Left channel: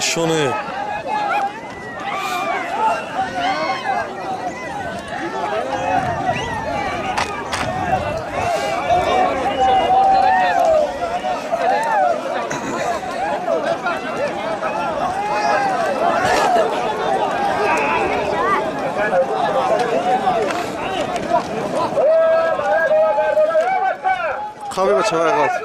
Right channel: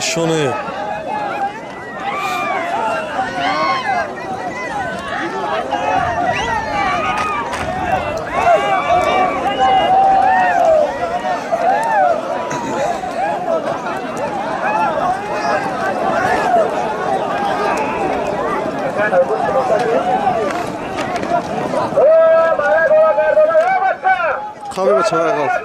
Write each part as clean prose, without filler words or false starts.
شونه خوابی بچه های غلط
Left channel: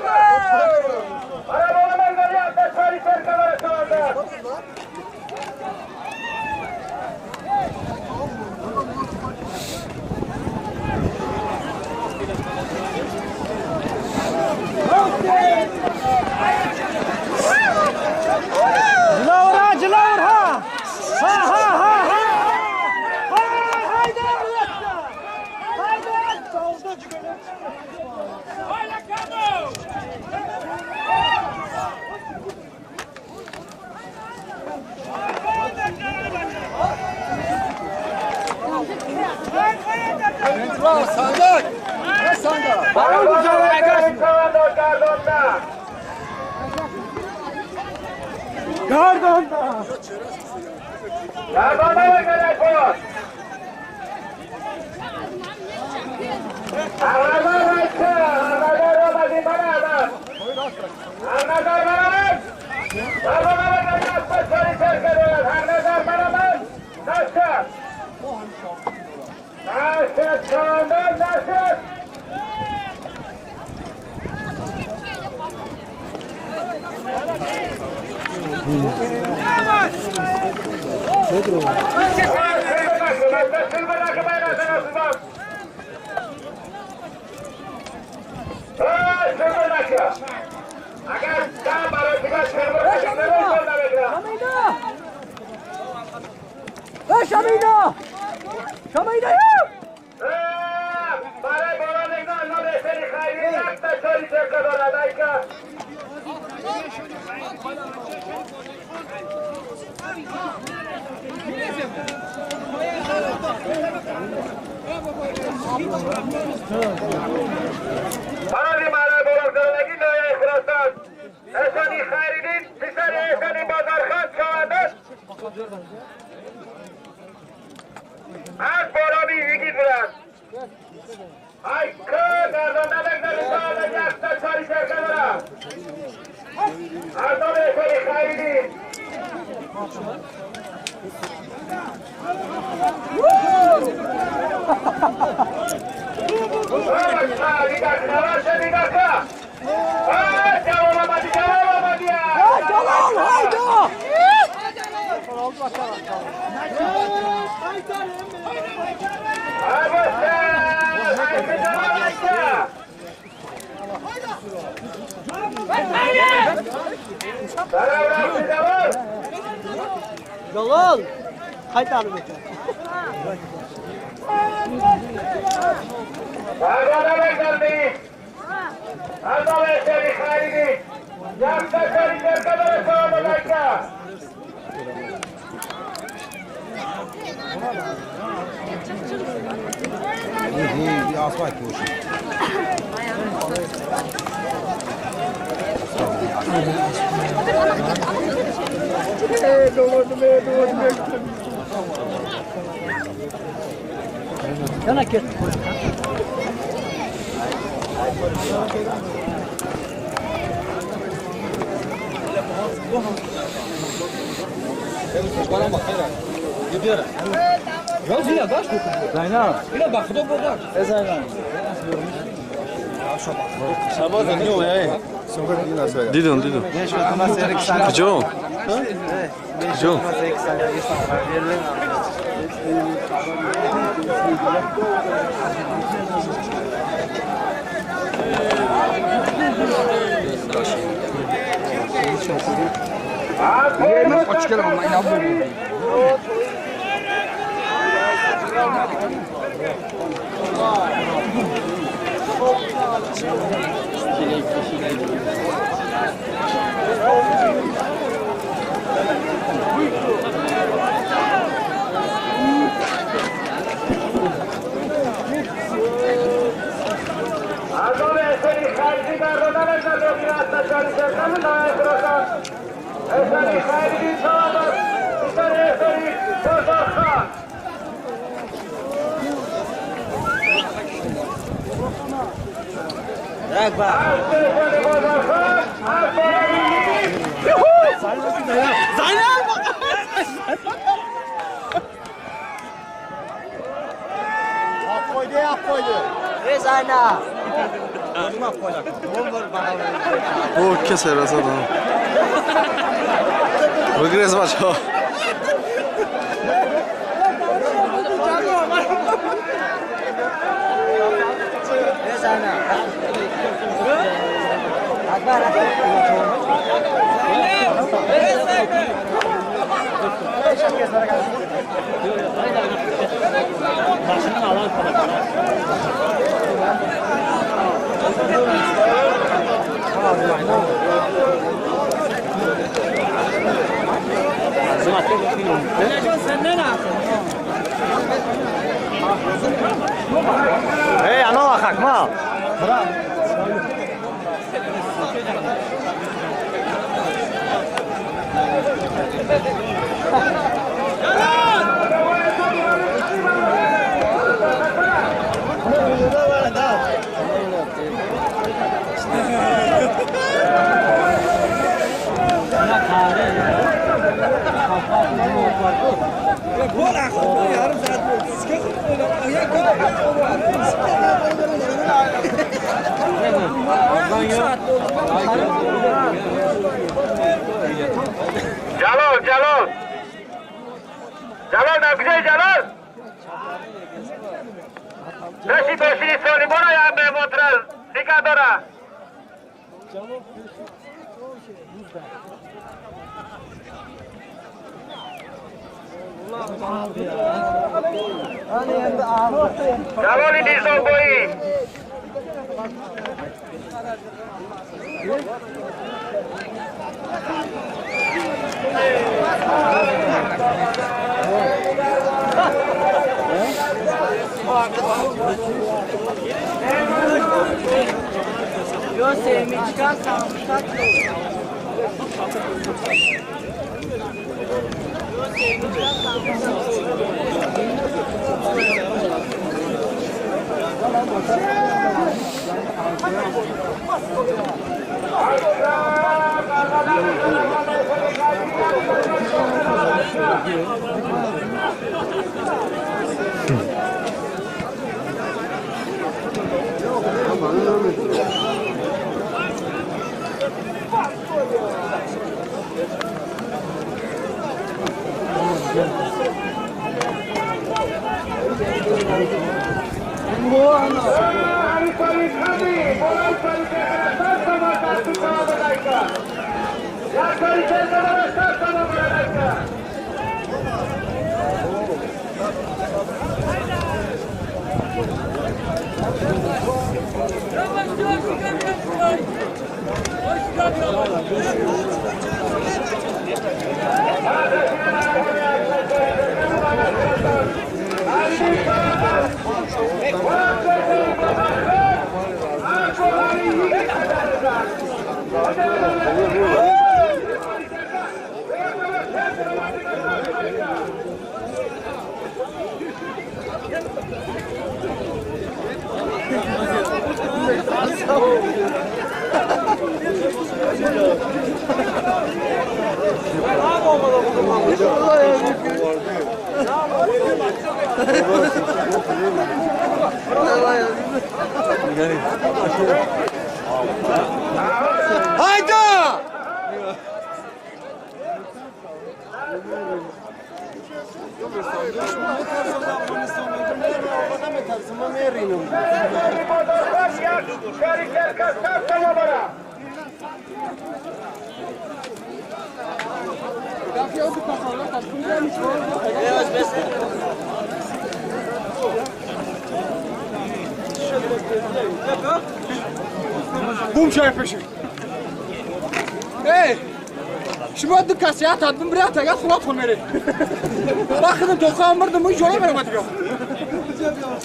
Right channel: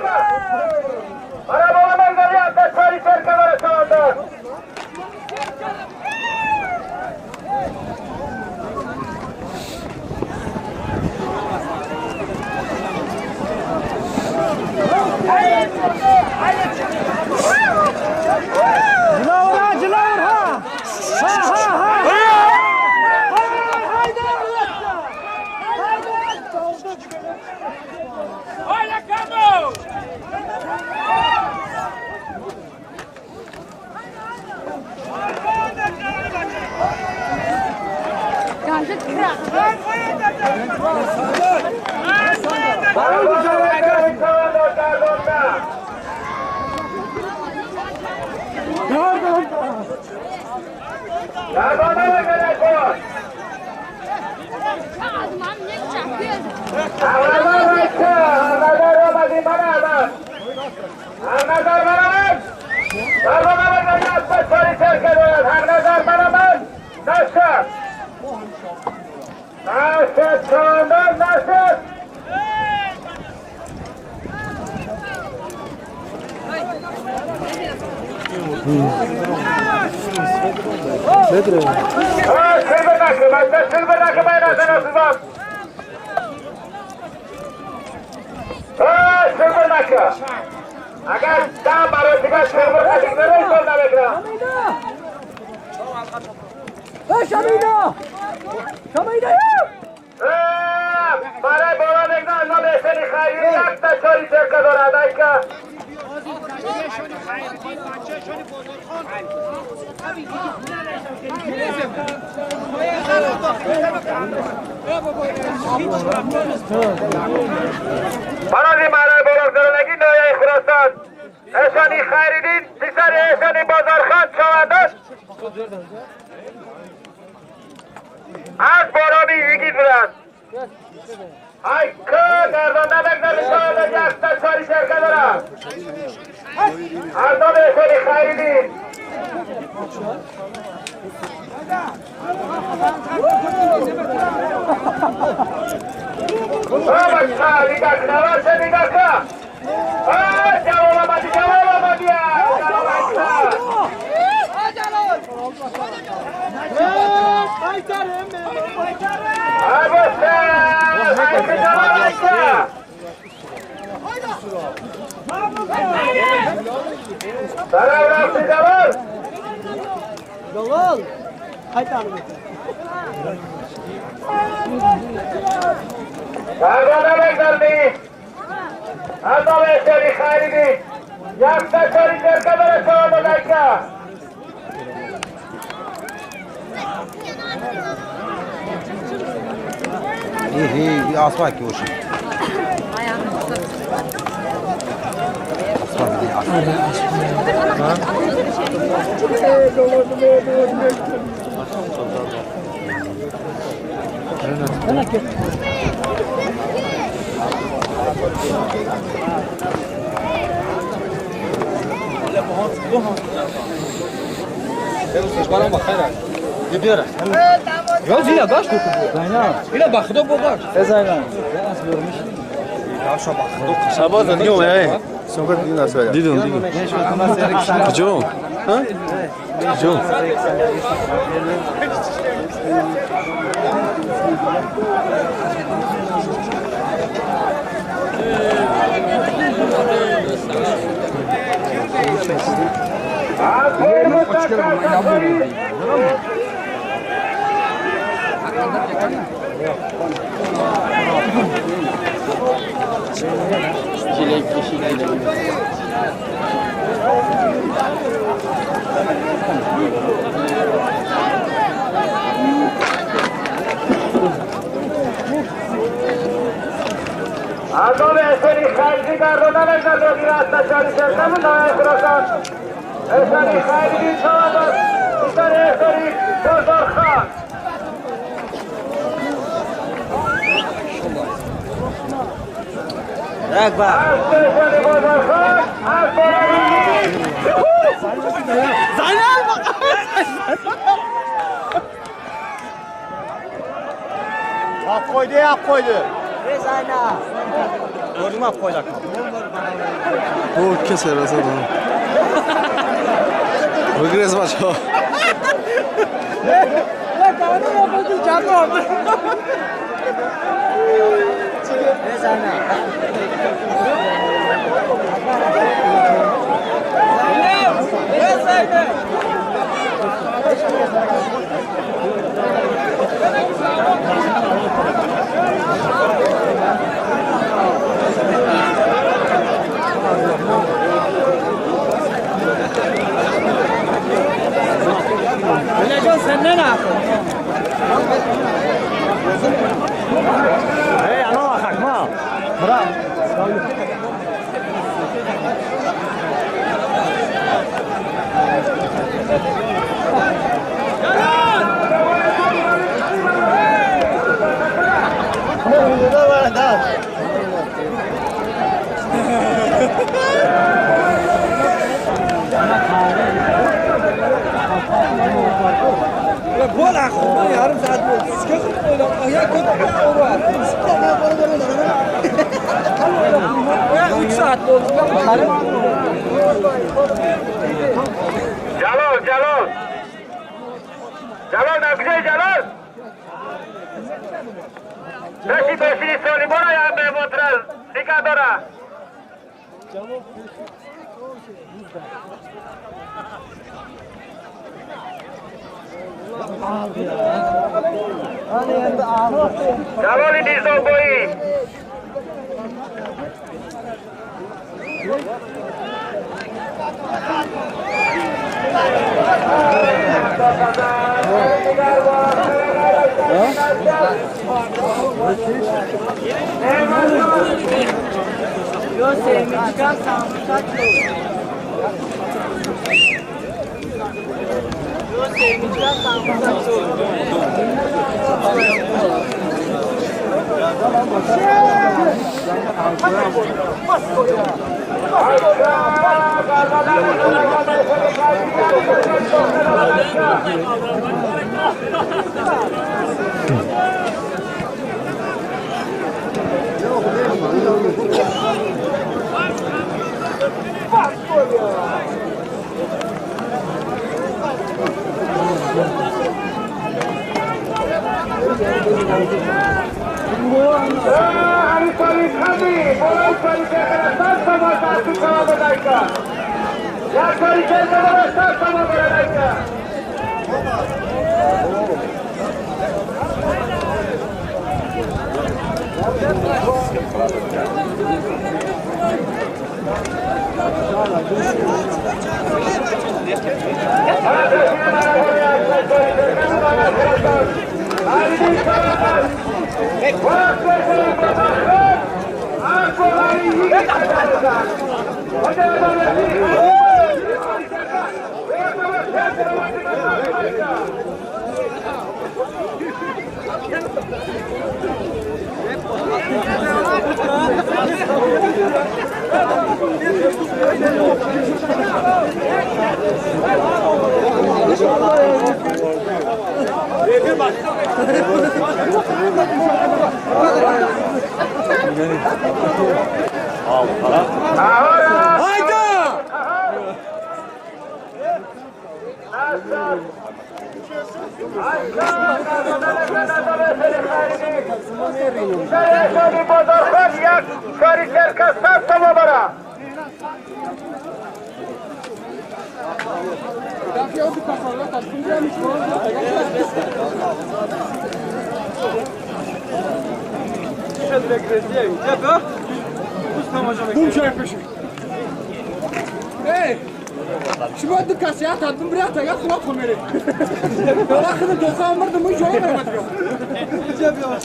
اگر دم برای دیگر سرور خشم نمیش کن نبگرم شمینا برای بارا نگنان نمیشنی خیلی یک تا چاری چرکه دارد ایکا برای مرای بارا درنگی نویه خرستان اشانی خیریدین پیسر اشانی بازارخان شواندست از بارانی یکی برند ای که گردان نبگذاری شاید یک تا چاری شرکه دارد از نام اشانی خیریدین بچه دیگر نواشه دیگر که جواب آمدی جلال خیلی تعلیم میکنه دربانه بگذارمی از آب اشتری خریدی یک تا چاری چرکه داره شما بزرگه این آسمان که باشی yana ket Ya zina baş dokun. Zaynab İle bakıda boğar. Zaynab شباز دیگه اومه دیدم کجا؟ کجا؟ از آب اشتری Eseri Xayri Qardodan evladı bir hasta çalışırsa mı daha ekrosan? Eseri Xayri'nin çağıdır. Bir tane Eseri Bozorxan. Eseri Bozorxan. Zaynab! Hak koydu, hak koydu. Ey Zaynab! Gördüm hak koydu. O keser aslında. Regres maço. Ey Zaynab! Ölecan senden ha. Hey, ana bakak mı? Bırak. Bu akşam yarım saat oldu. Sıkıntı öyle. Ya kötü var. Ya 3 saat oldu. Jalol, Jalol. Jalol, da güzel Jalol. Beşi beşini söyle bana ya be botral. Dikadora. Hani endi ağzı. Jalol idizon boyu. Yo sevimi çıkarsan kaç olur? Yo sevimi çıkarsan kaç olur? Hayda! Bum şerpeşi. Hey! Şimdi bu kasaya tadım bir hata ya kulak komeri. Bakın dokan vardı mı yola vermedi yok.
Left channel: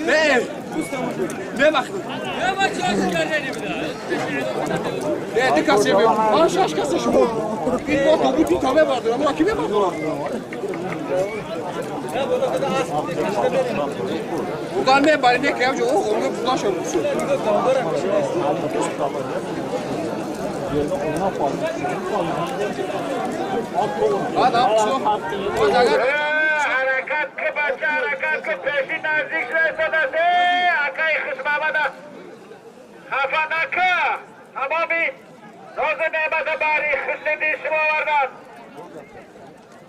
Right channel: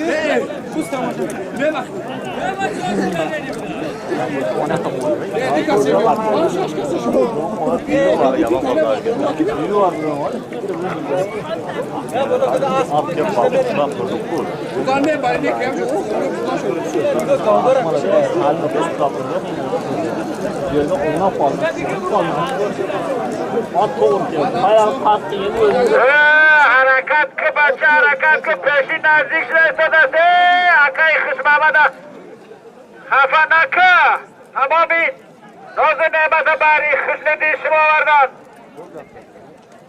Hey! Ne baktın? Ne bakıyorsun ben dedim. Değerli kasaya bir. Aa şaş kasa şu. Bir tane vardır ama kime var? Buradan ne bari ne kıyam yok. Onu buradan şöyle. Harakat ki bacha, harakat ki peşi nazik şurası da se, akay kısmamada. Hafanaka, ama bir nozu nemata bari kısneti şuma vardan.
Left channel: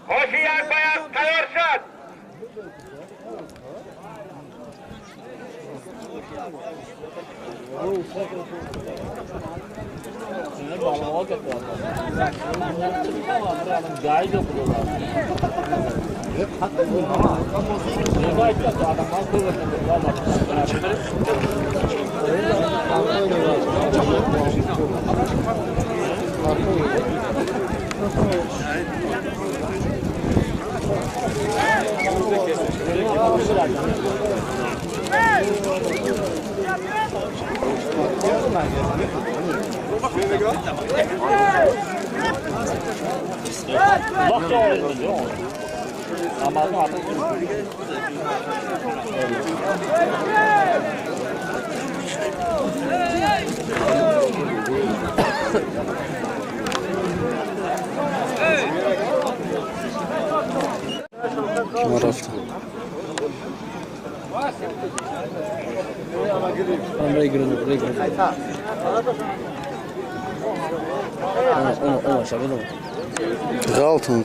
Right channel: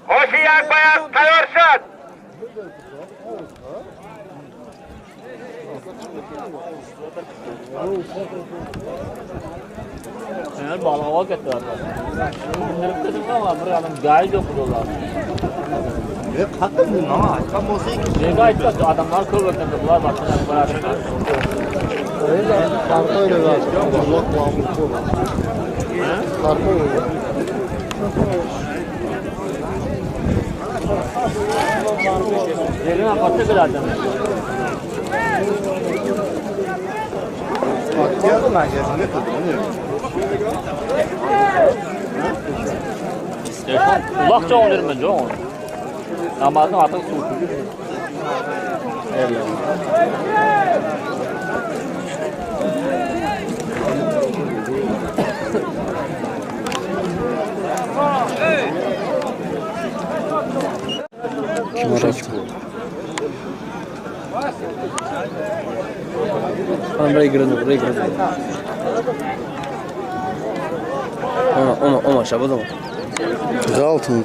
Hoşiyak bayan tayorşat. Bunlar balığa getiriyorlar. Bunlar tutuyorlar, buradan gayet okuyorlar. Ne gayet yok, adamlar kıvırtıyorlar, bakıyorlar, bırakıyorlar. Yerine kapı bırakıyorlar. Kulak çoğalır bence o. Namazın artık su. Kim رفت Buraya girelim. Ama şabada mı? غلطن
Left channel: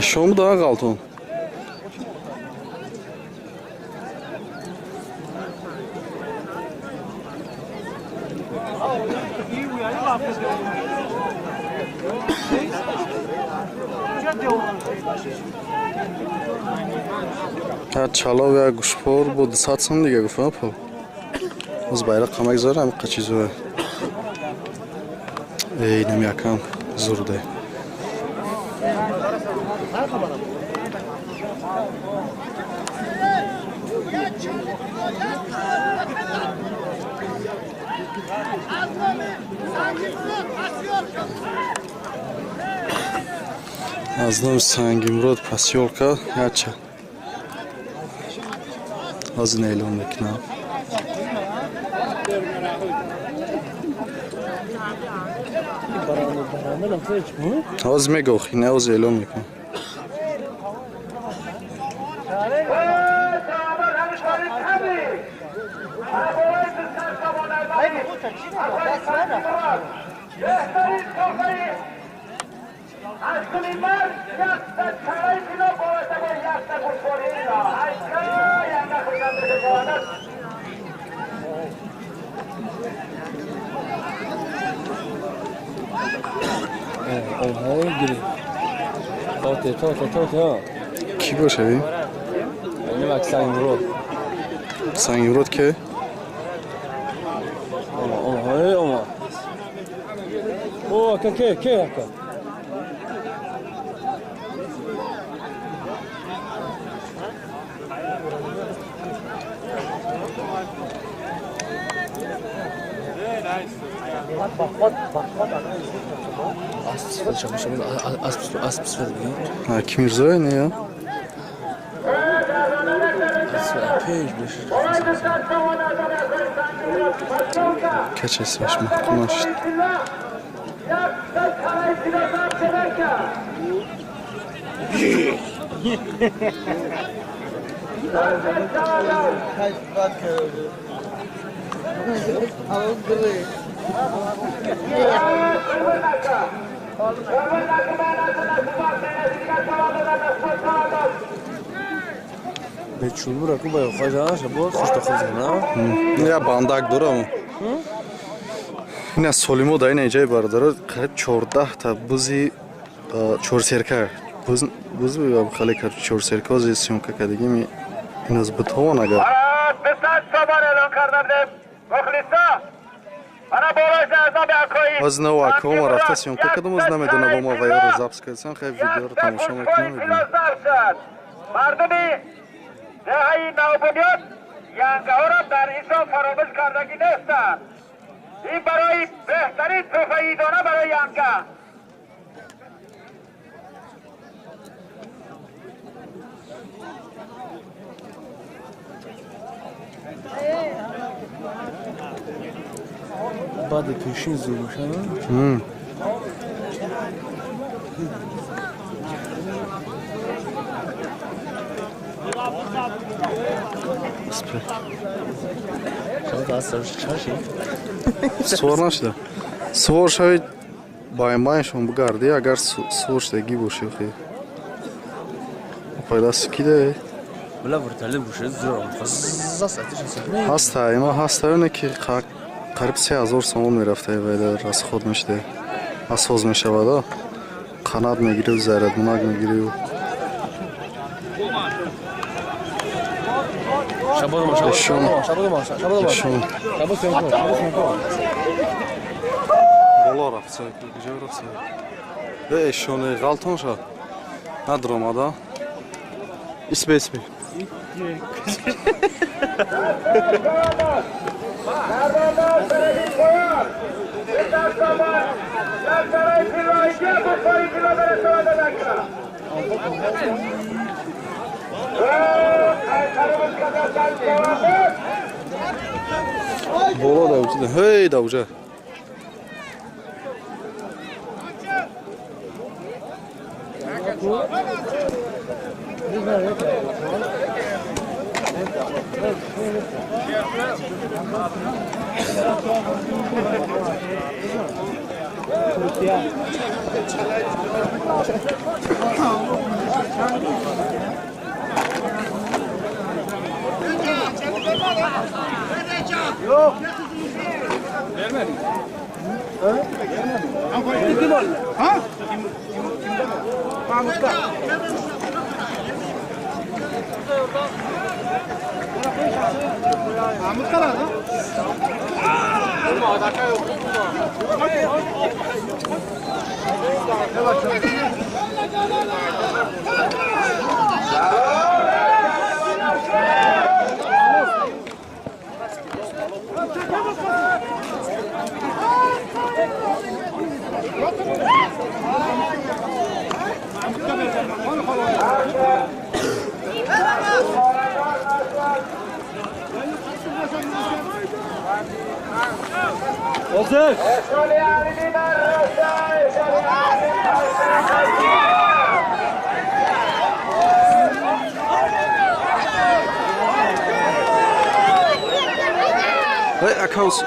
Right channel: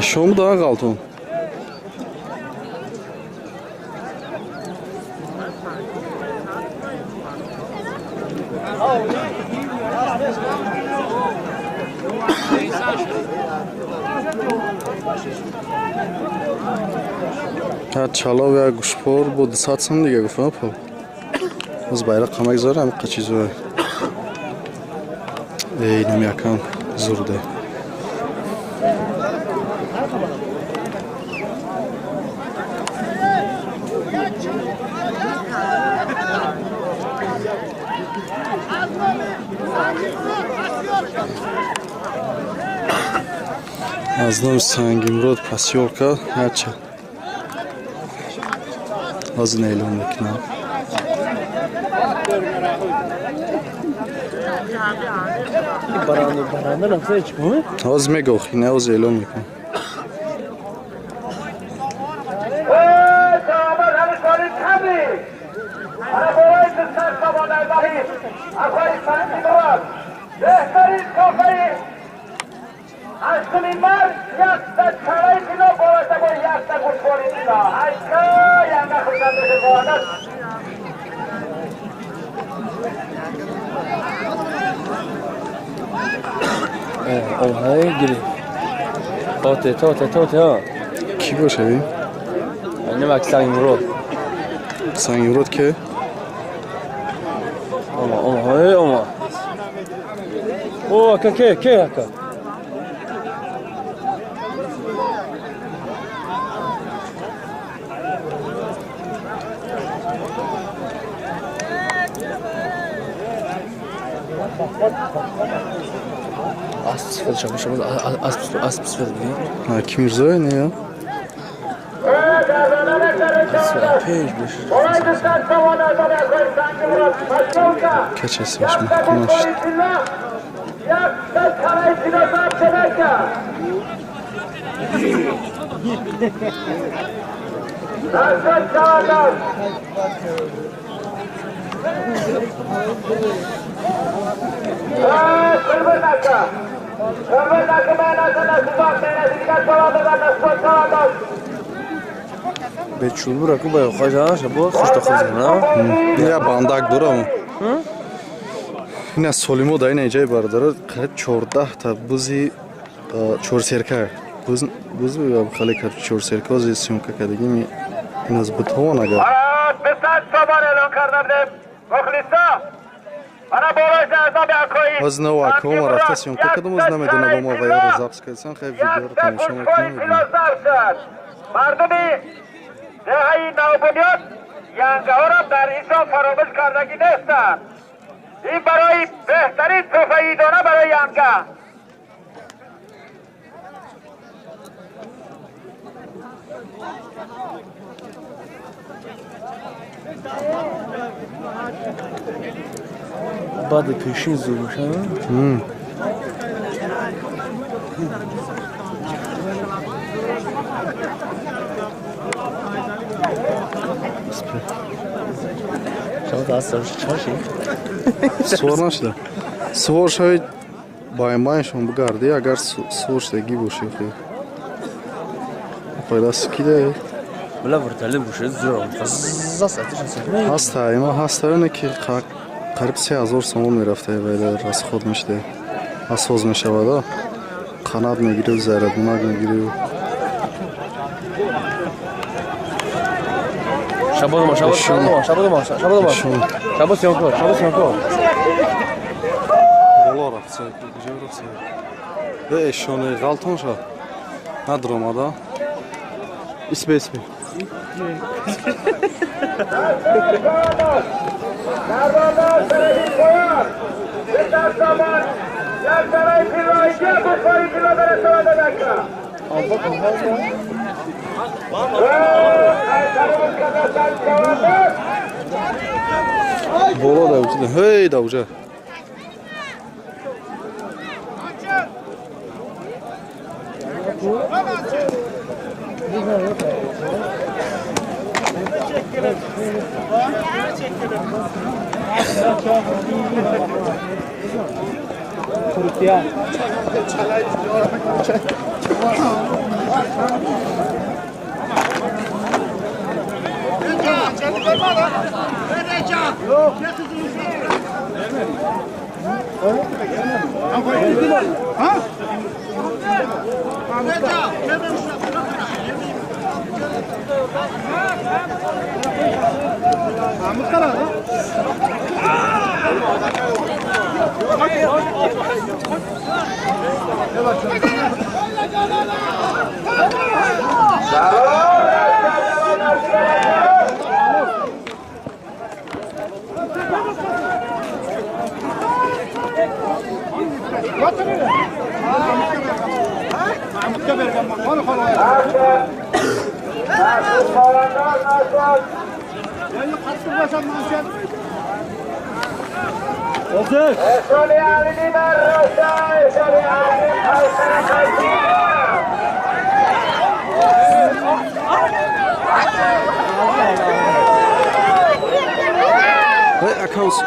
شو mu daha غلطن Ha çalav ya guşpor bu satsam diye gufam pol. Uz bayrak kamak zor ama kaçı zor. Nem yakam zor de. Aznom Sangimrod Pasyolka Hacha. Az neylon makina. Baranı nasıl çıkıyor? Az mego khine az neylon makina. Aşkın var, yakta çaray kilo boğazda bu yakta kuşbori kilo. Aşkı yanına kırdandığı boğazda. Oha giri. Tote ha. Ki باشه Ne bak Sangimrod. Sangimrod ki Ama. O ke haka. Asıl çalışmamız asıl ha kim Mirzoy ne ya? pejmiş. Keçesi baş mahkum işte. Yakta çaray kilo sapçedeyken. Yakta çaraylar. Kırmırnaka. Kırmırnaka menasına subak menasına çavalarına spor çavalar. Beçul bırakın bayağı kaçana bu hoş da kızım Ya bandak duram. Ина солимо дай неҷай бардара қариб 14 та бузи чорсерка буз хали кар чорсерка зи сёмка кадагӣ ми иназ бутавон агар Besan çoban elon karnabde. Muhlisa. Bana bolaj jazda bekoyim. از نو اکوم رفته سیونکه کدوم از نمیدونه با ما ویار رو ضبط کردن خیلی ویدیو رو تماشا میکنم مردمی دهه‌ای نوبنیاد یانگاها را در اینجا فراموش کردگی نیستند. این برای بهترین تفیدانه برای یانگا. بعد پیشین زور میشه شما دستش چاشی سوار نشده سوار شاید بایم بگردی اگر سوار شدگی باشه خیلی پیدا سکیده بلا ورتاله بوشه زور فزا ساعتش هست هست اینا هست اینه که قریب 3000 سوم میرفته ولی راست خود میشده اساس میشه وادا قنات میگیره و زردونک میگیره و شبا سیونکو بالا رفته کجا رفته به اشونه غلطان شد ندارم آده اسمی Kardanlar Sarayı koyar. Yeter zaman. Yer saray pilayıcıya bu sayı kilometre sonra dakika. Kaytarımız kadar sen cevabı. بالا دوجه هی دوجه Eşoli Ali'nin arrosa. Eşoli Ali'nin kaysana kaysana. هی اکاوس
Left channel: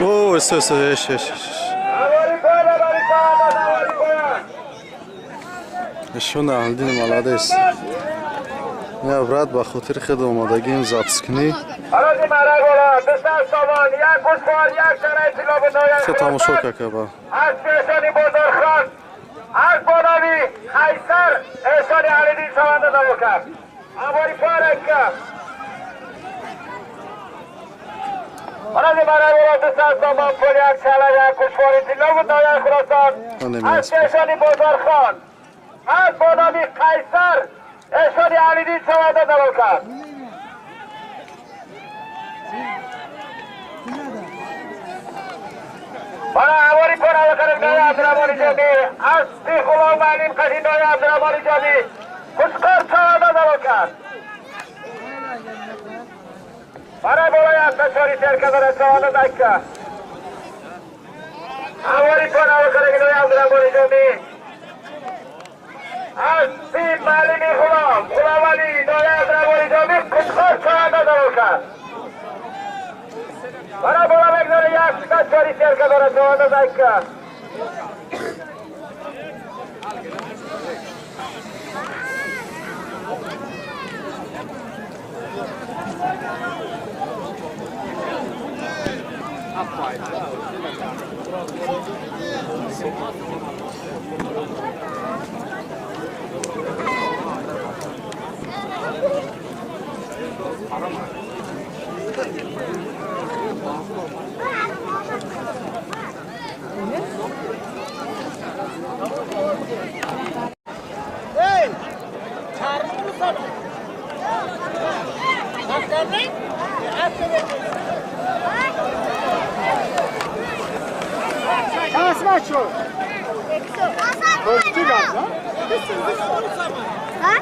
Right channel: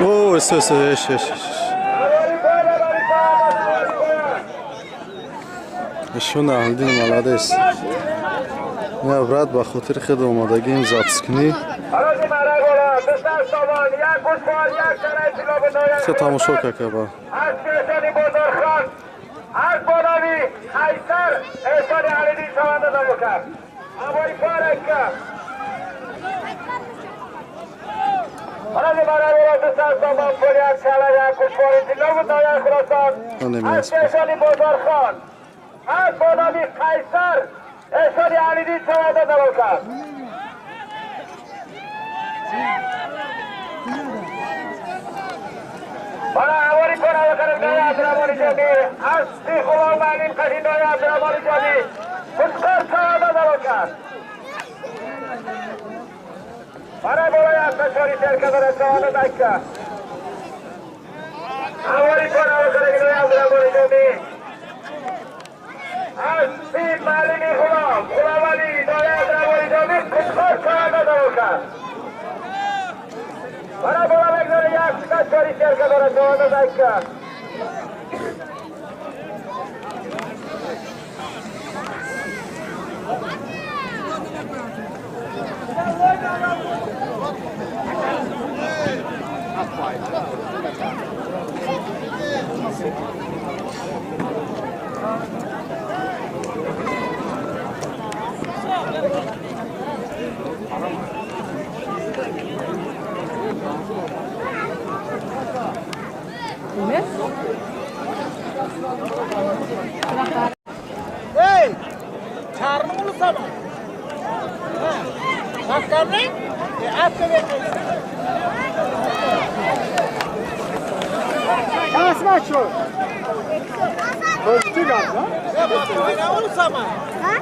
اوه اش اشون اهلدین ملادیس نه برات با خاطر خود اومدگیم ضبط کنی Aracı merak olan dışarı savan, yak kuşlar, yak saray silahı noyan. چه تماشا که با Az Eşoli Bozorxan, az Bonavi, Kaysar, Eşoli Ali'nin savanda da bakar. Amori Farekka. Aracı merak olan dışarı savan, yak saray, yak kuşlar, silahı noyan Khurasan. Az Eşoli Bozorxan, az Bonavi, Kaysar, Eşoli Ali'nin savanda da bakar. Bana avori kora bakarım Noya Abdurrahman Cami. Asli Kulağım Alim Kaşı Noya Abdurrahman Cami. Kuşkar sağda da bakar. Bana bolaya saçori serkadara sağda dakika. Avori kora bakarım Noya Abdurrahman Cami. Asli Malimi Kulağım. Kulağım Ali Noya Abdurrahman Cami. Kuşkar sağda da bakar. Bana bola bekleri yakışık çori serkadara sağda dakika. maço. Hoşçu gaz ha? Ha?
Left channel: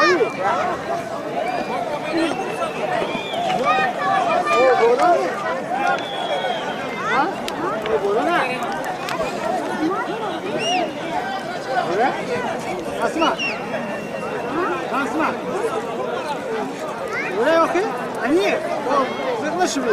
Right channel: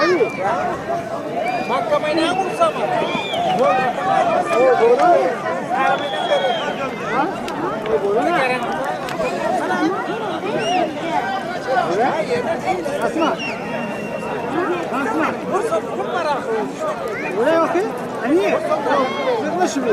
Oyu. O boru. Ha? O boru ne? Asma. Asma. Buraya bakın. Niye? Zırhlı şimdi.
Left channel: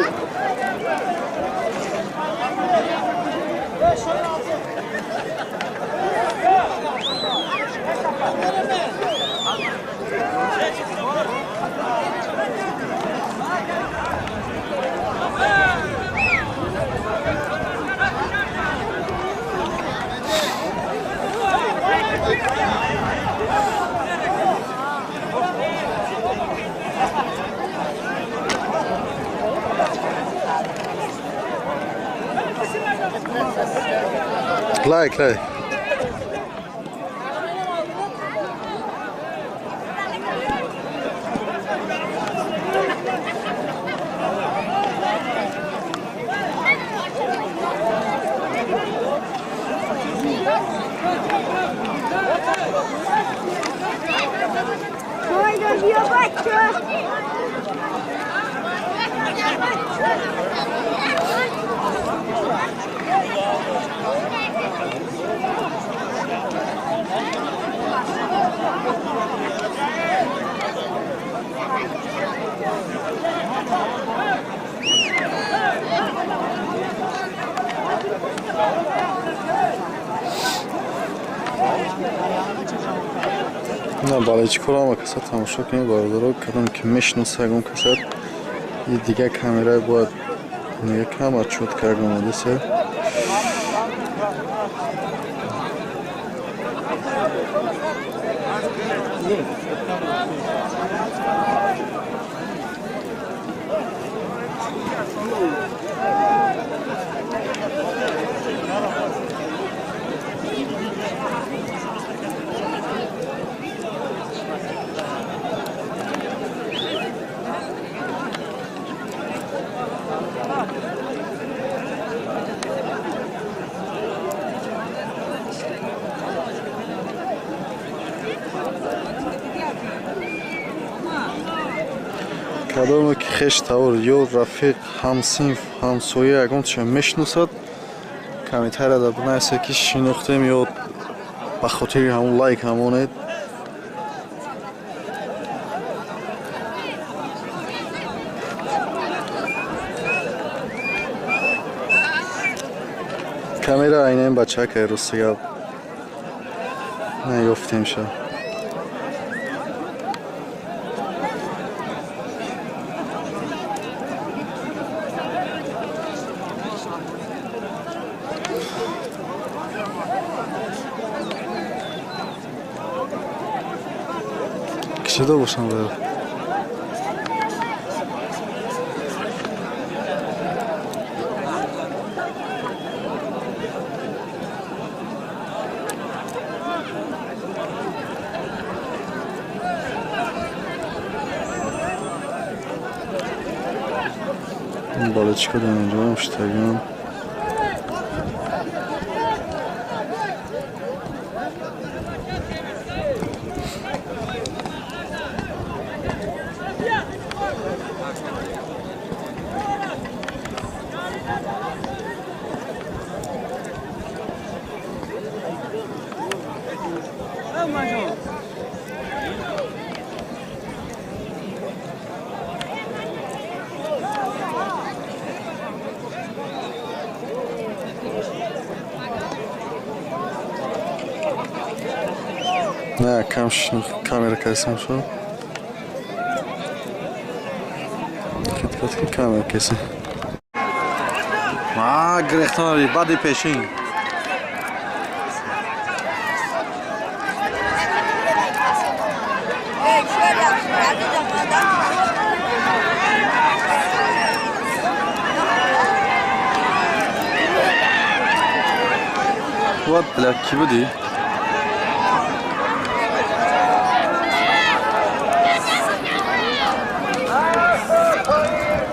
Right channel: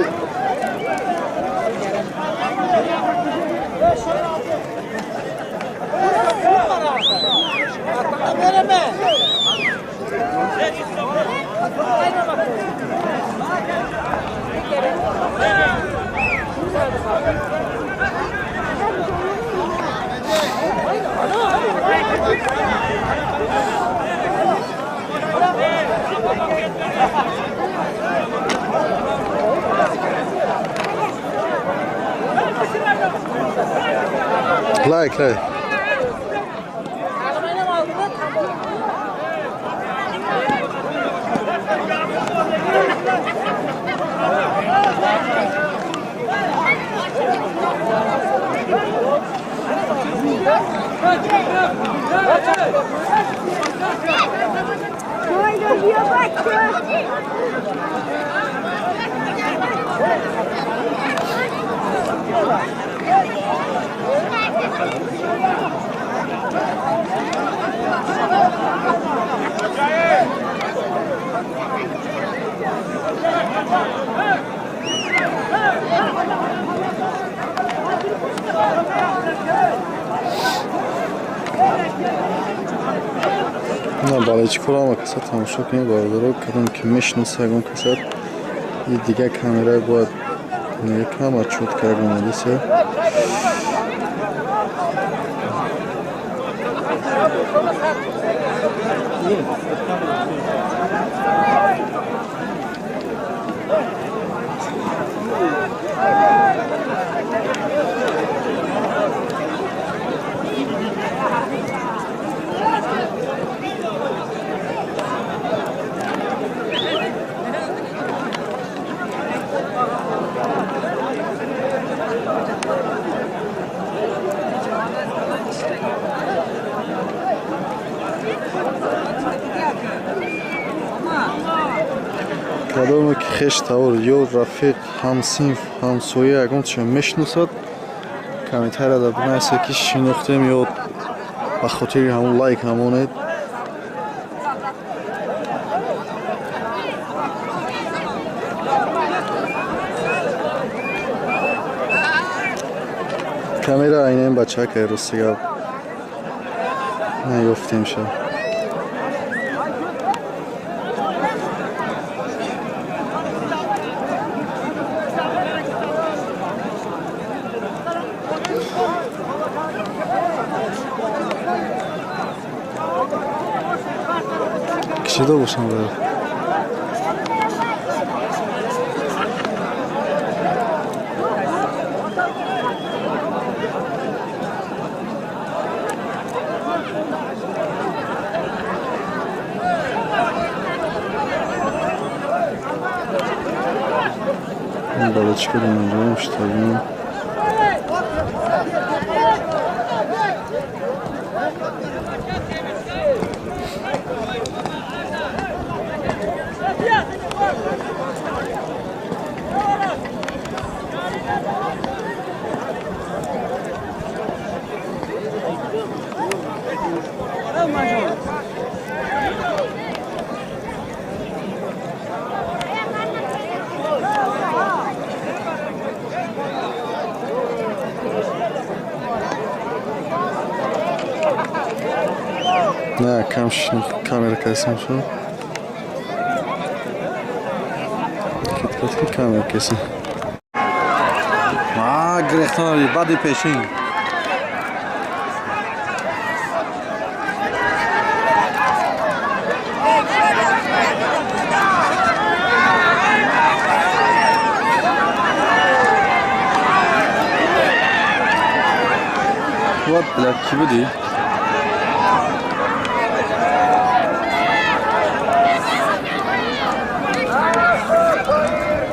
Like. Haydi diyor bak. نه بالای چی کلا ما کسات تماشا کنیم باردارو کدوم که میشناسه اگم کسات یه دیگه کامرای باید نگه کم اچوت که اگم آدیسه کدوم که خش تاور یا رفیق همسینف همسویه اگم چه میشناسد کمی تره در بنایسه که شناخته میاد به خاطر همون لایک همونه کامیرا اینه این بچه که روسیه نیفتیم شد کشیده باشم باید این بالا چی کدوم اینجا مشتاقیم نه کمش کامera کسیم شد کت کامera کسیم گرفتاری بعدی پیشین What black ki budi?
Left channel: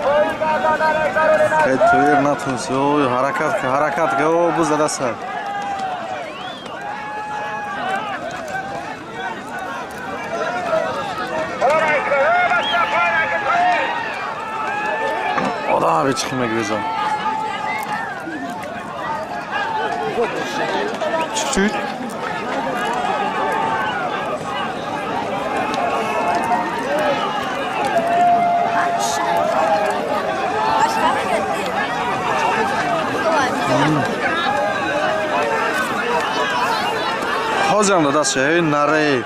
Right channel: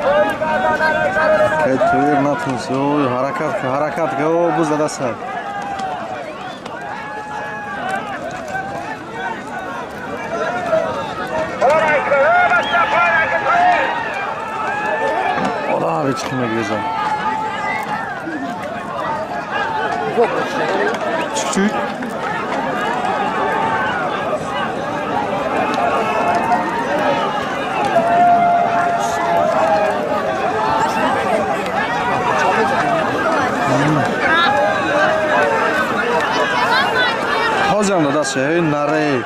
Oy, تویر نتونست اوی حرکت که او بزده سر ola bir çıkma güzel çüçük Hocam da şey nare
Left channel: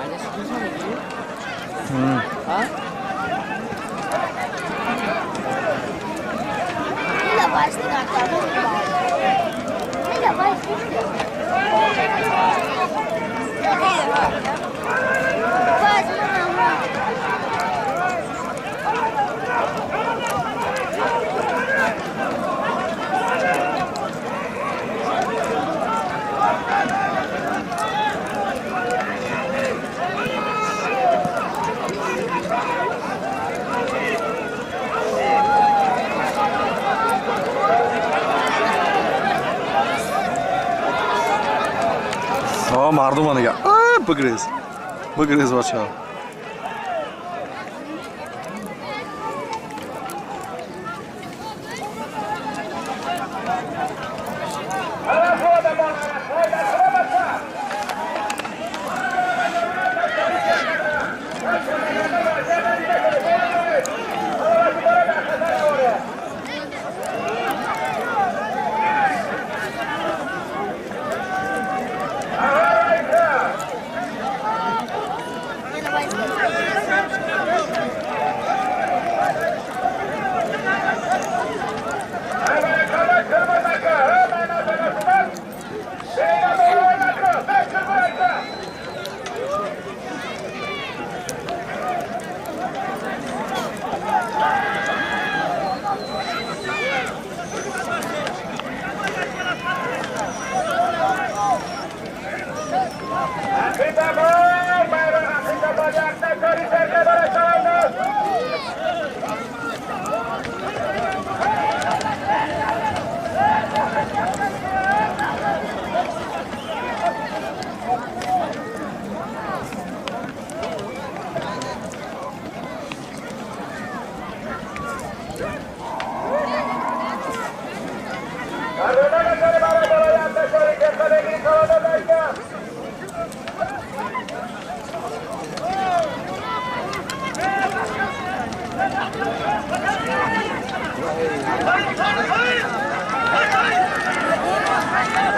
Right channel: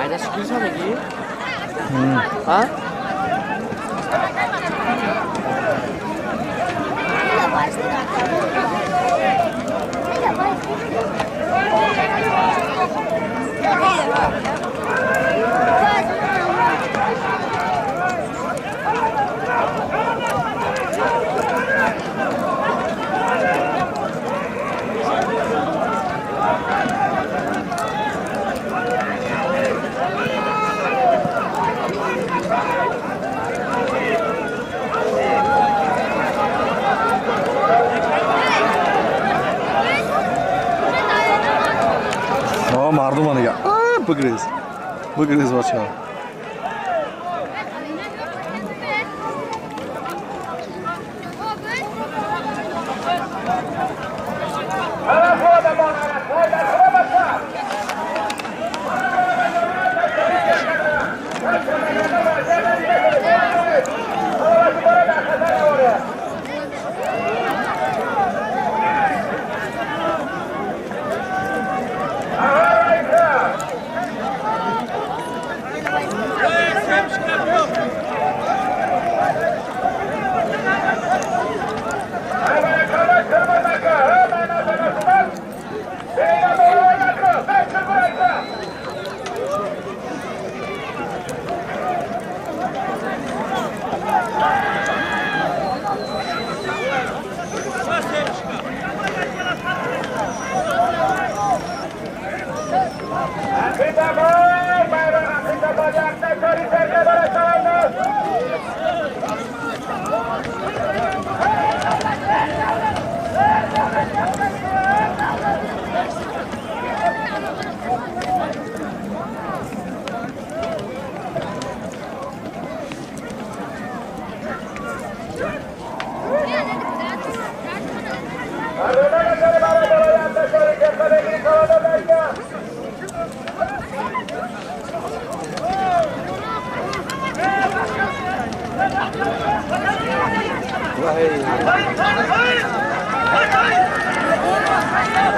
Ayda çıkıyorsa mı ki? Ha? Neyle başladı? Neyle mardum anı ya. Bıgriz var çağ.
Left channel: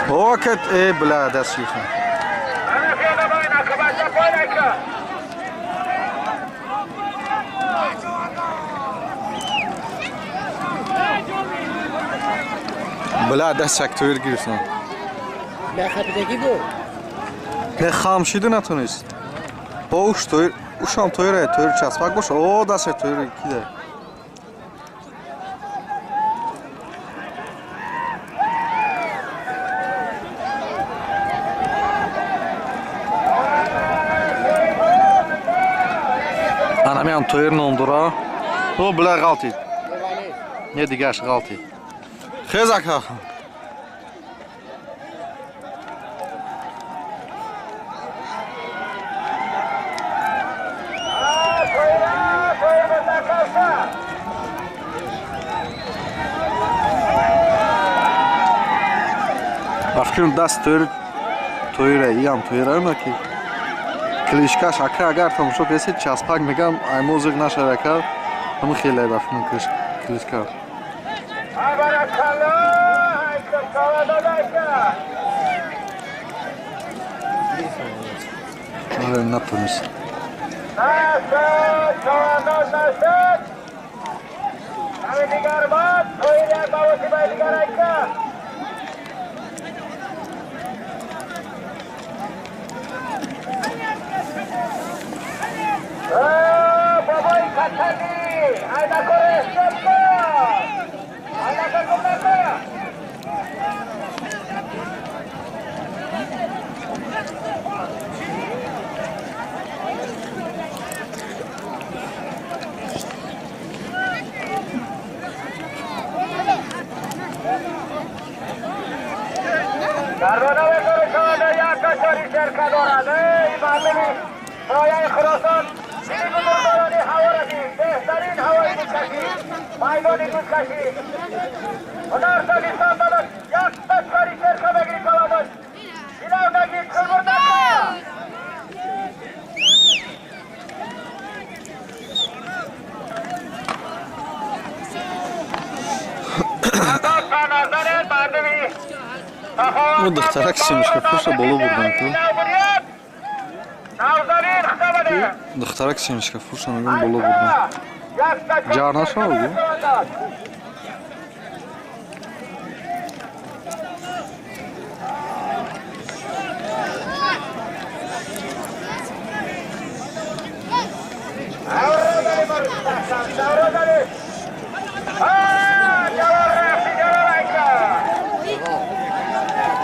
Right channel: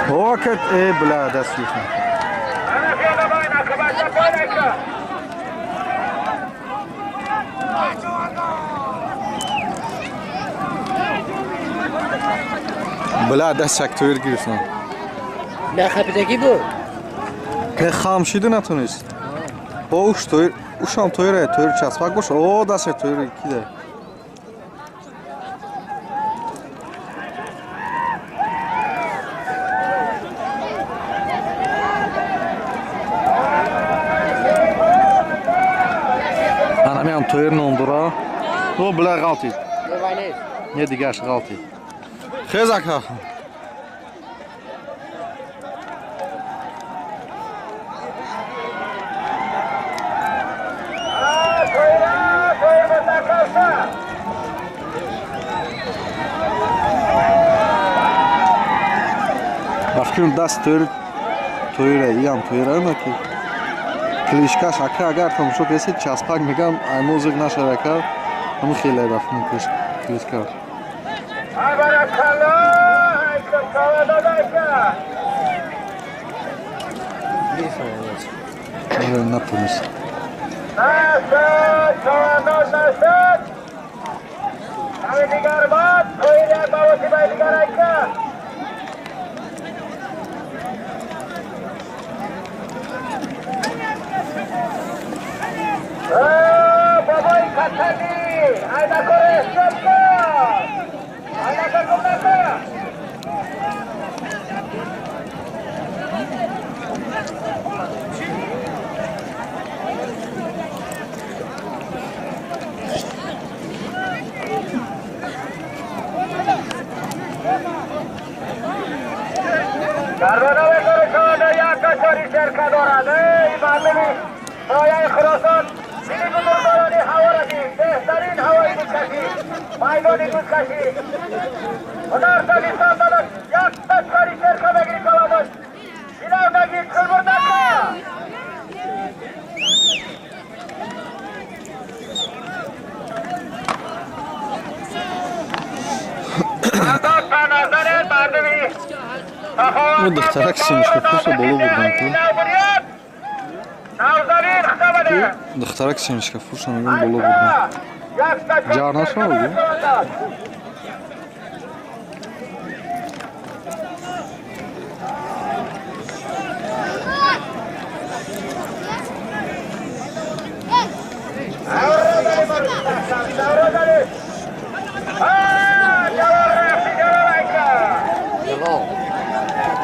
Vakit bla dest yıkın. Bla dest sektör giriyorsun. Ne kapıdaki bu? Ne xamşidi natunist. O uş toyur, uşam toyur çasmak boş. O da se toyur iki de. Anam toyur nondura. O bla galti. Ne digaş galti. Xezak ha. Başkın dast toyur, toyur yan toyur ama ki. Кличка шака агар тамошо касед часпак мегам ай музык нашаракар ҳамин хеле рафтин кличка напомнись. Ну, дохтарак семечка вкуса было бурдан. Дохтарак семечка вкуса было бурдан. Жар нашел, да?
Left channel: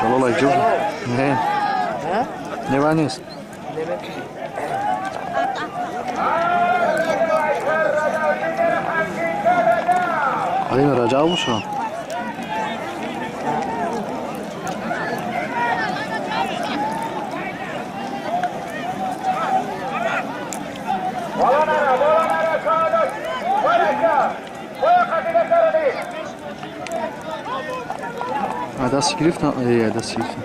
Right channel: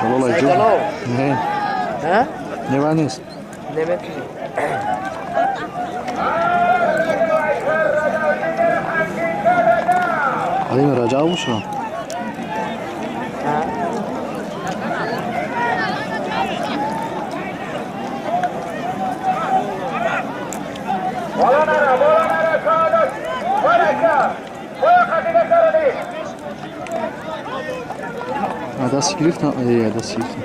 Jalol aytib. Ne? Ha? Nima nes? Nima? Halim Rajab shu. Das Skrift, ja, das Skrift.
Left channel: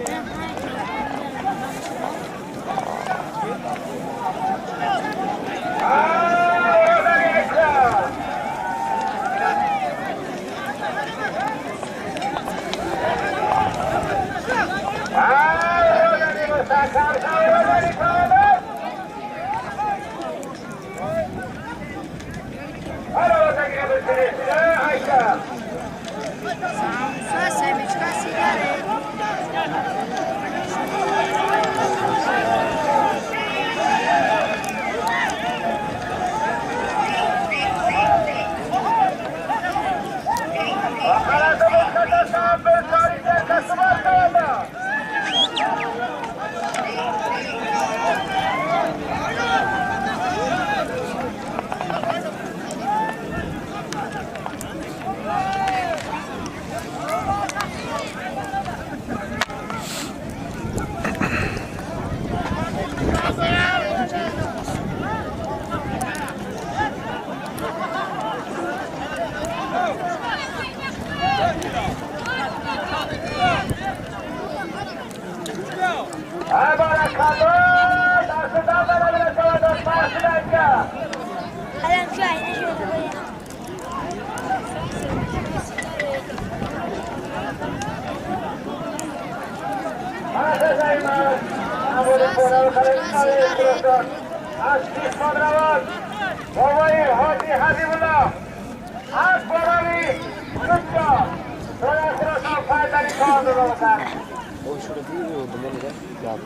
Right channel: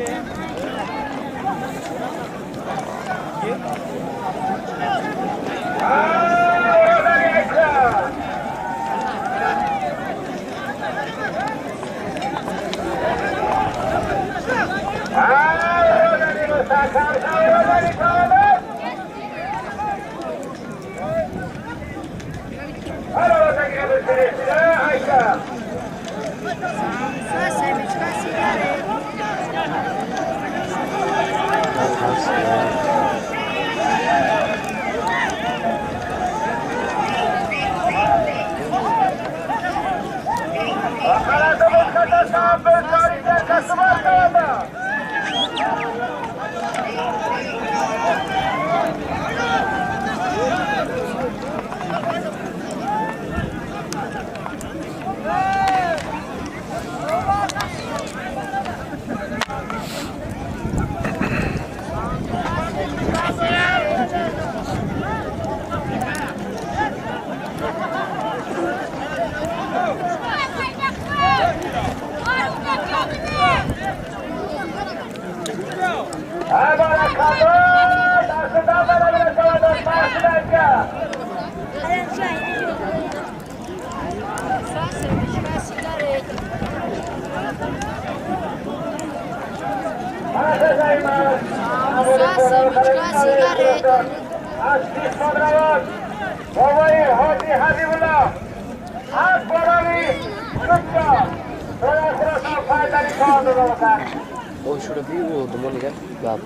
O şurada bir oldu mu ne ya?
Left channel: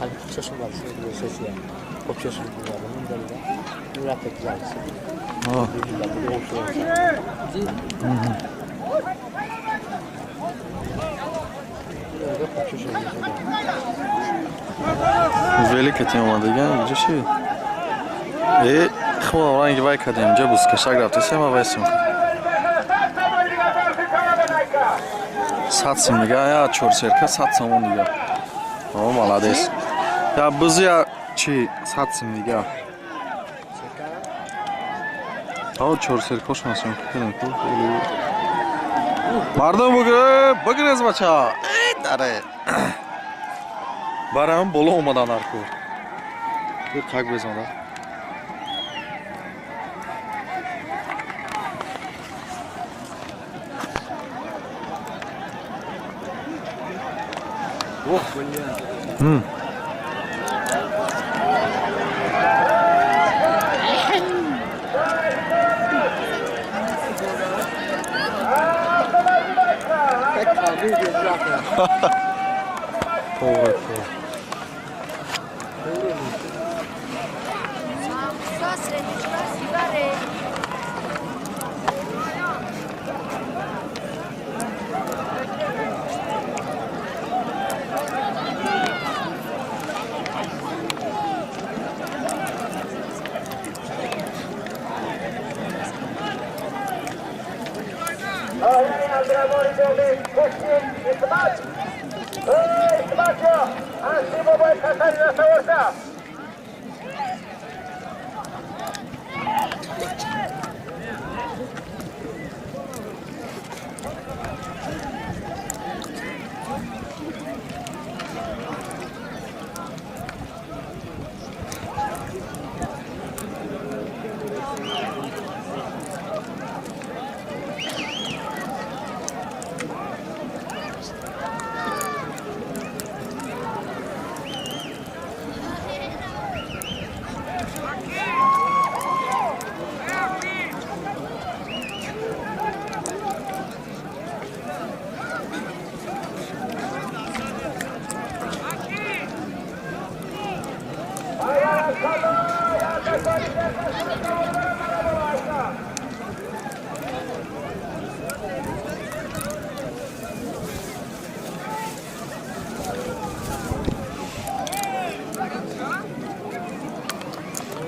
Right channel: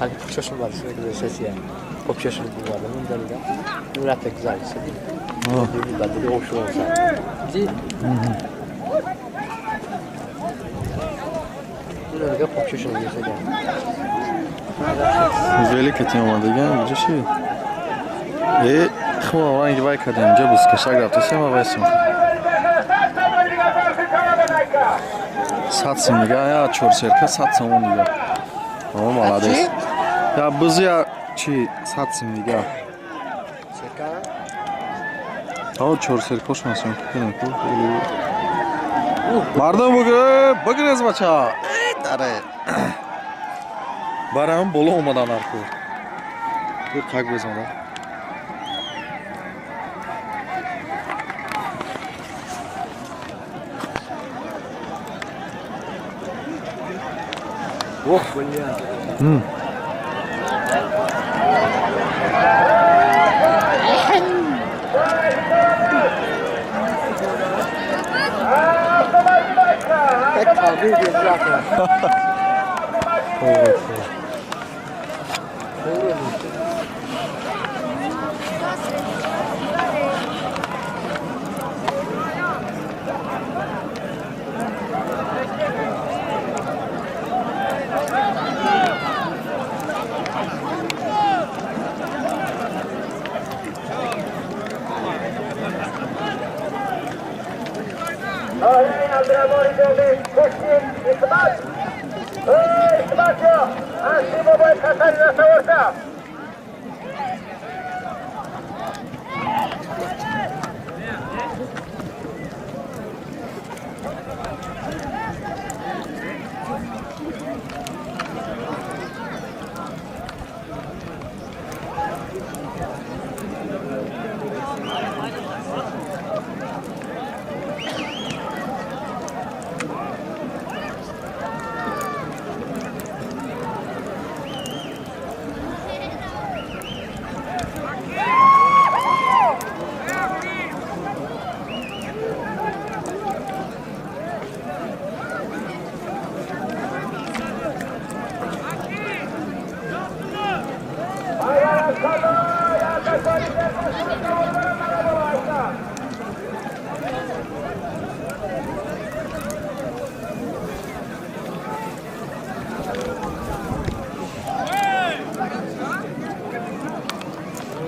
Hani şaşım var şimdi sesi ya. Çok şaşım var bunun da. Murat da güzel. Bir de o şu olsa. Burada çok şaşım geçti. Велика тема degan bir şey. Xmo rangi vay kadam jabus ka shagrafta sema vaysim. Satsim diga ya chorserka satsam on diga. O молодец. Ya biz ya chi satsim diga. O chorserka qo'shmasin kerak-ku. Mardon bugün bacha. Dare. Baram bolo olmadan arku. tak بزن اوه بليان Tek kaldı diye bırakıyor.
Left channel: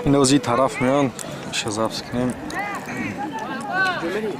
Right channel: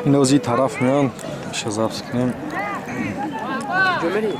اینو از این طرف میان شزافس کنیم Gömeli.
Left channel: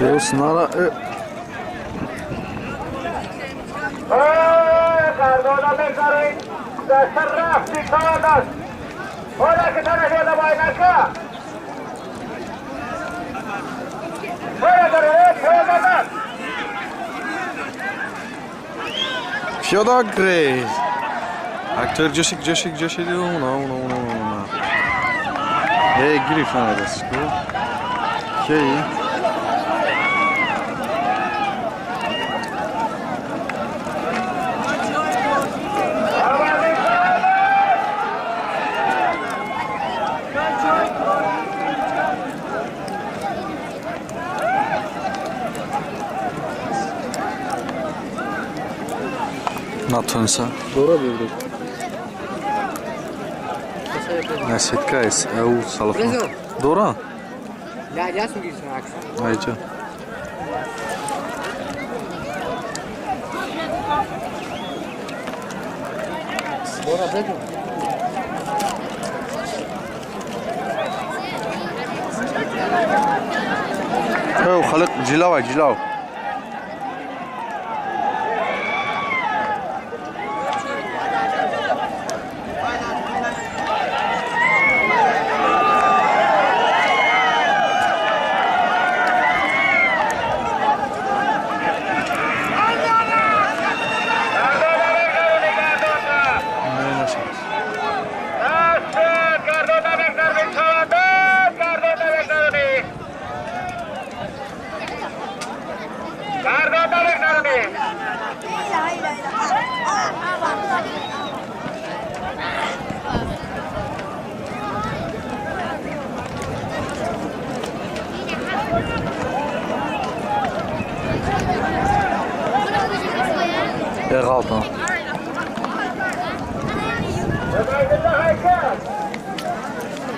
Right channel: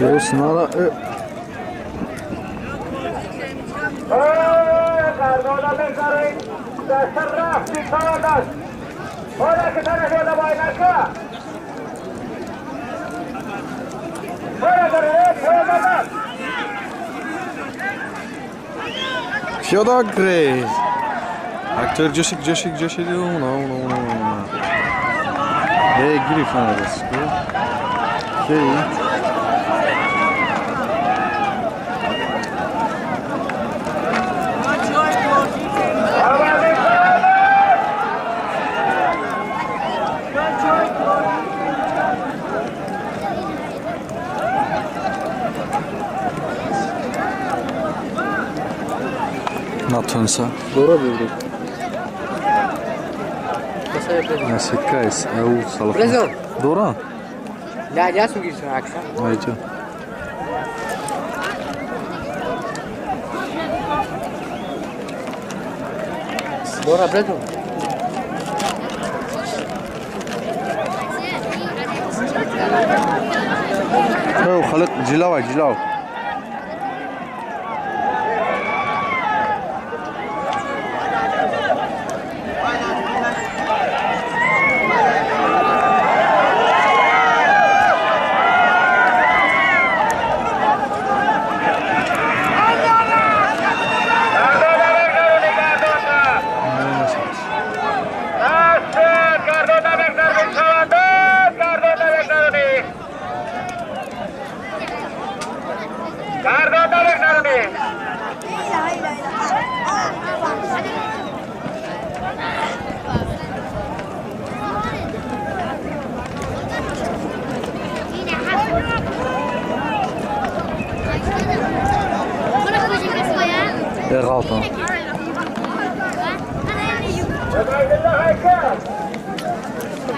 Deus nara. Cardona بذارین دست رفتی کادش حالا که طرف یاده باید نکا باید داره پیاده Piada Grey. Aktör Joshik diyor ona. Giri falan arası. Natunsa. Doğru bildik. Nasıl o salaf. Prezon. Doğru. Ya su girsin akşam. Ayca. Doğru prezon. خلق جلاو غلطان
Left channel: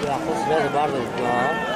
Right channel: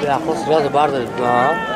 Ya kız biraz bardı ya.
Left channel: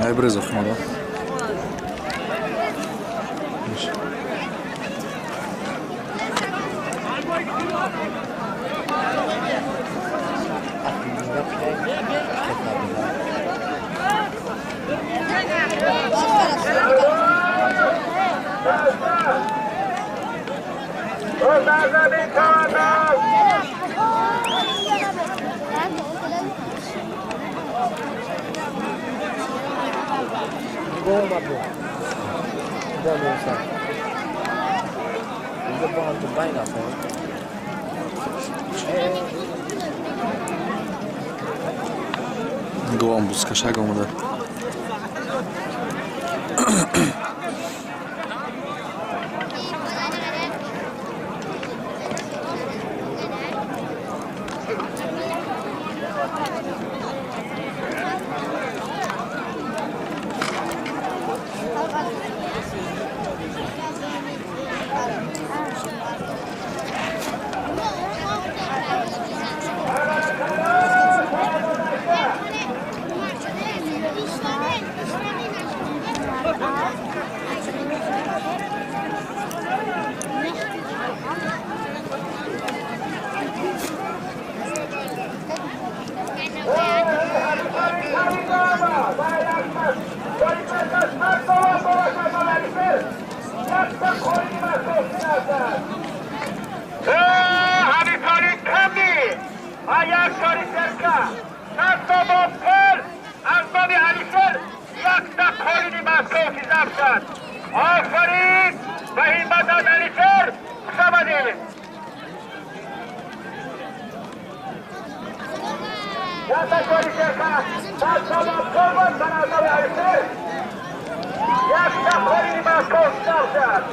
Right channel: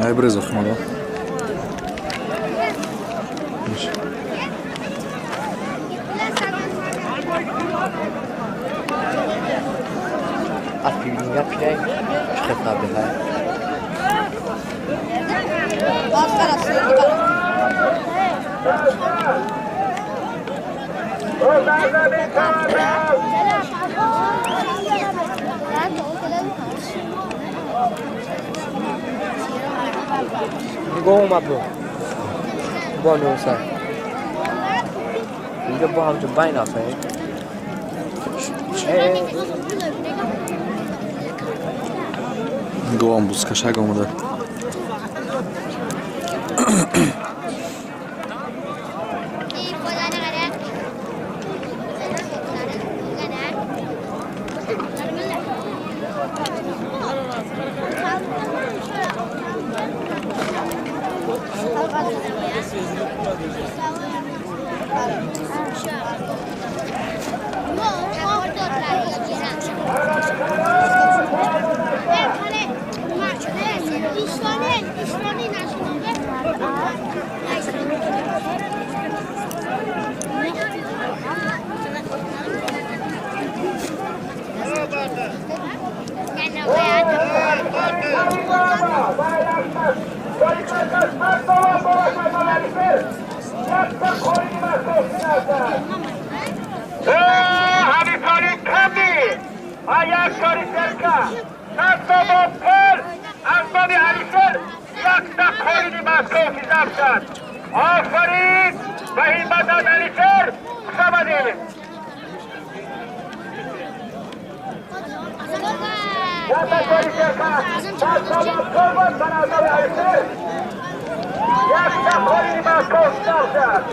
Aj brzo chmura. Aklımda pide kitaplar. Gol uma boa. Boa noite. Ainda bom de bem na frente. گوام بوز کشک آمده آفرین و همت از علیشر سبدیم یک کاری شرکت از سبب قربان بنازم علیشر یک تخوری مسکو سبزد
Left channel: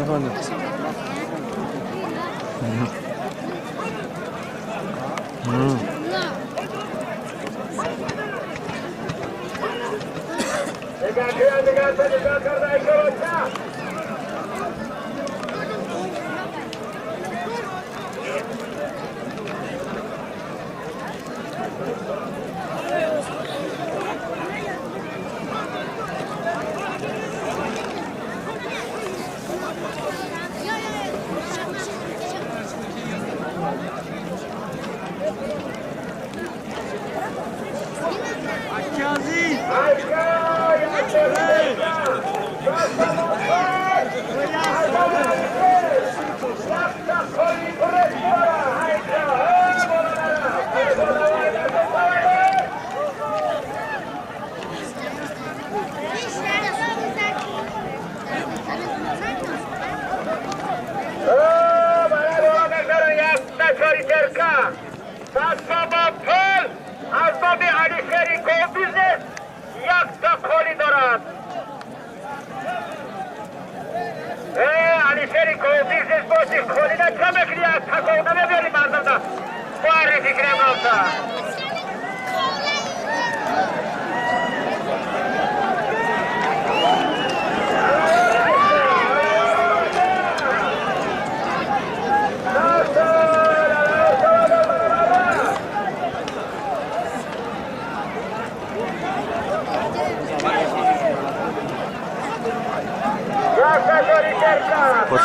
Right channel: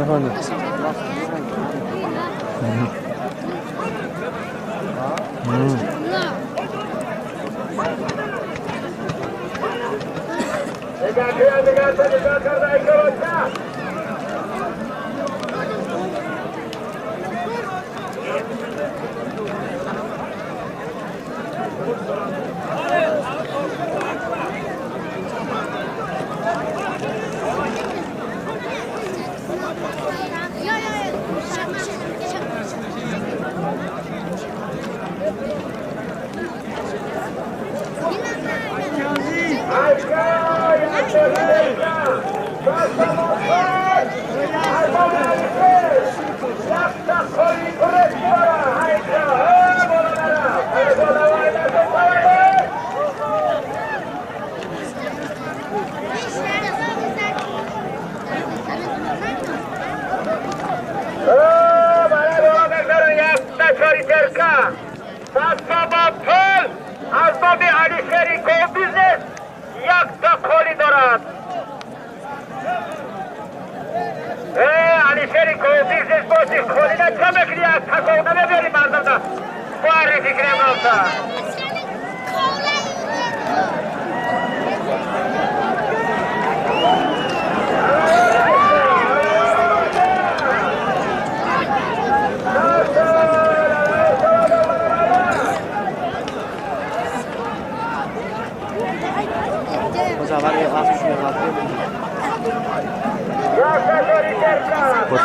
Efendim?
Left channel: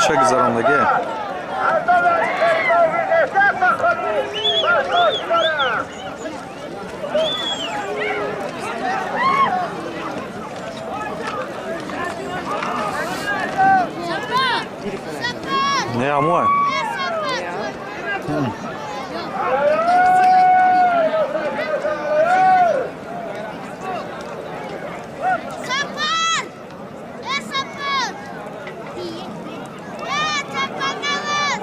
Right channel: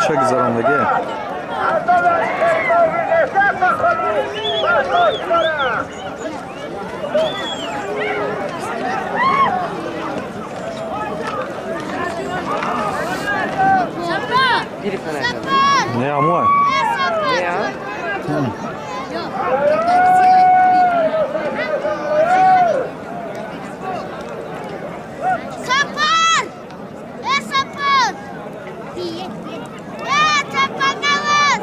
چه گذراندگی Sabra! Ne ama? Sapın! Sapın! Sapın alın!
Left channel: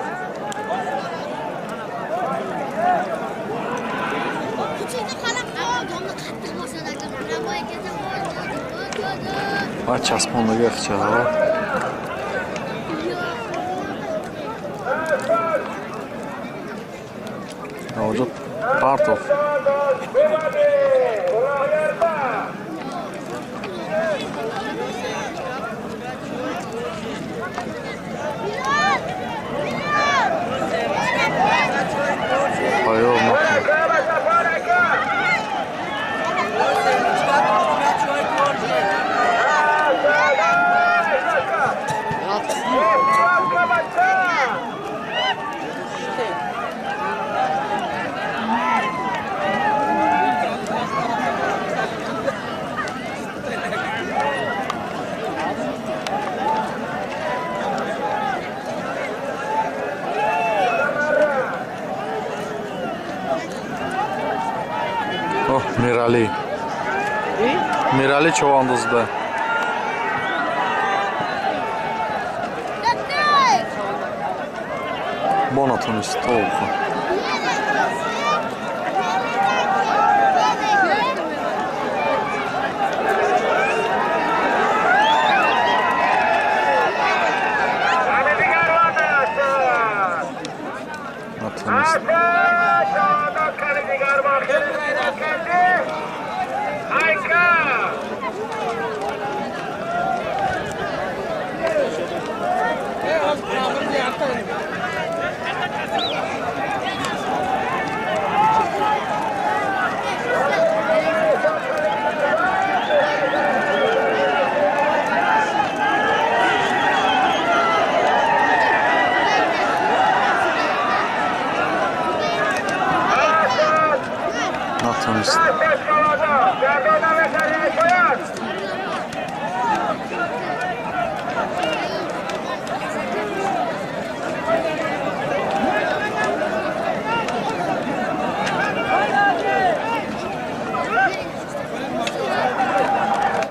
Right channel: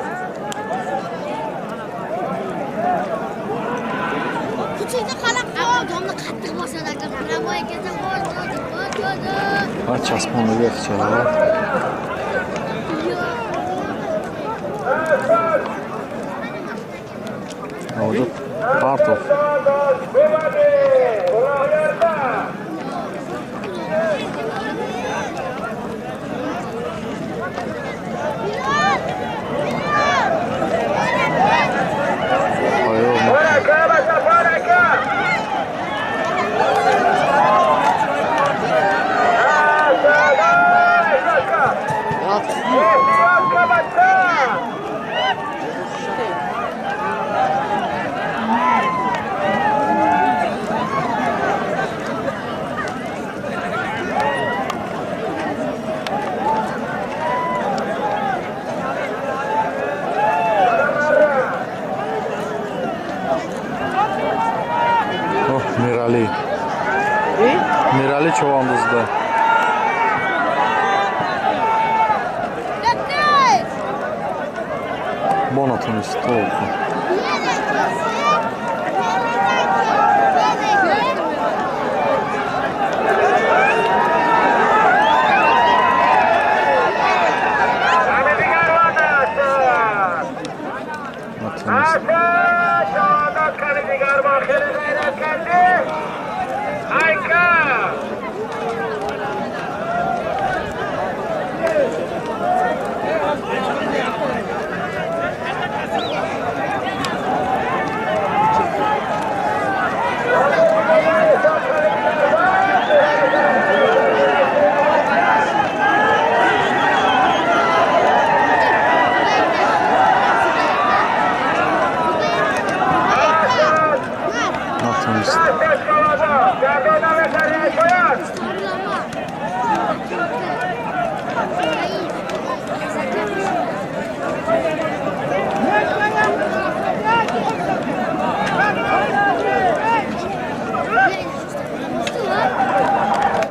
Küçükte kalıp adamla kattık masada kıramaya gezip Aç asmanlı geçecek ha. Orada Partov. Hayır, Mirali. Mirali çovandızda. Bonatın üstü oldu. Nasıl?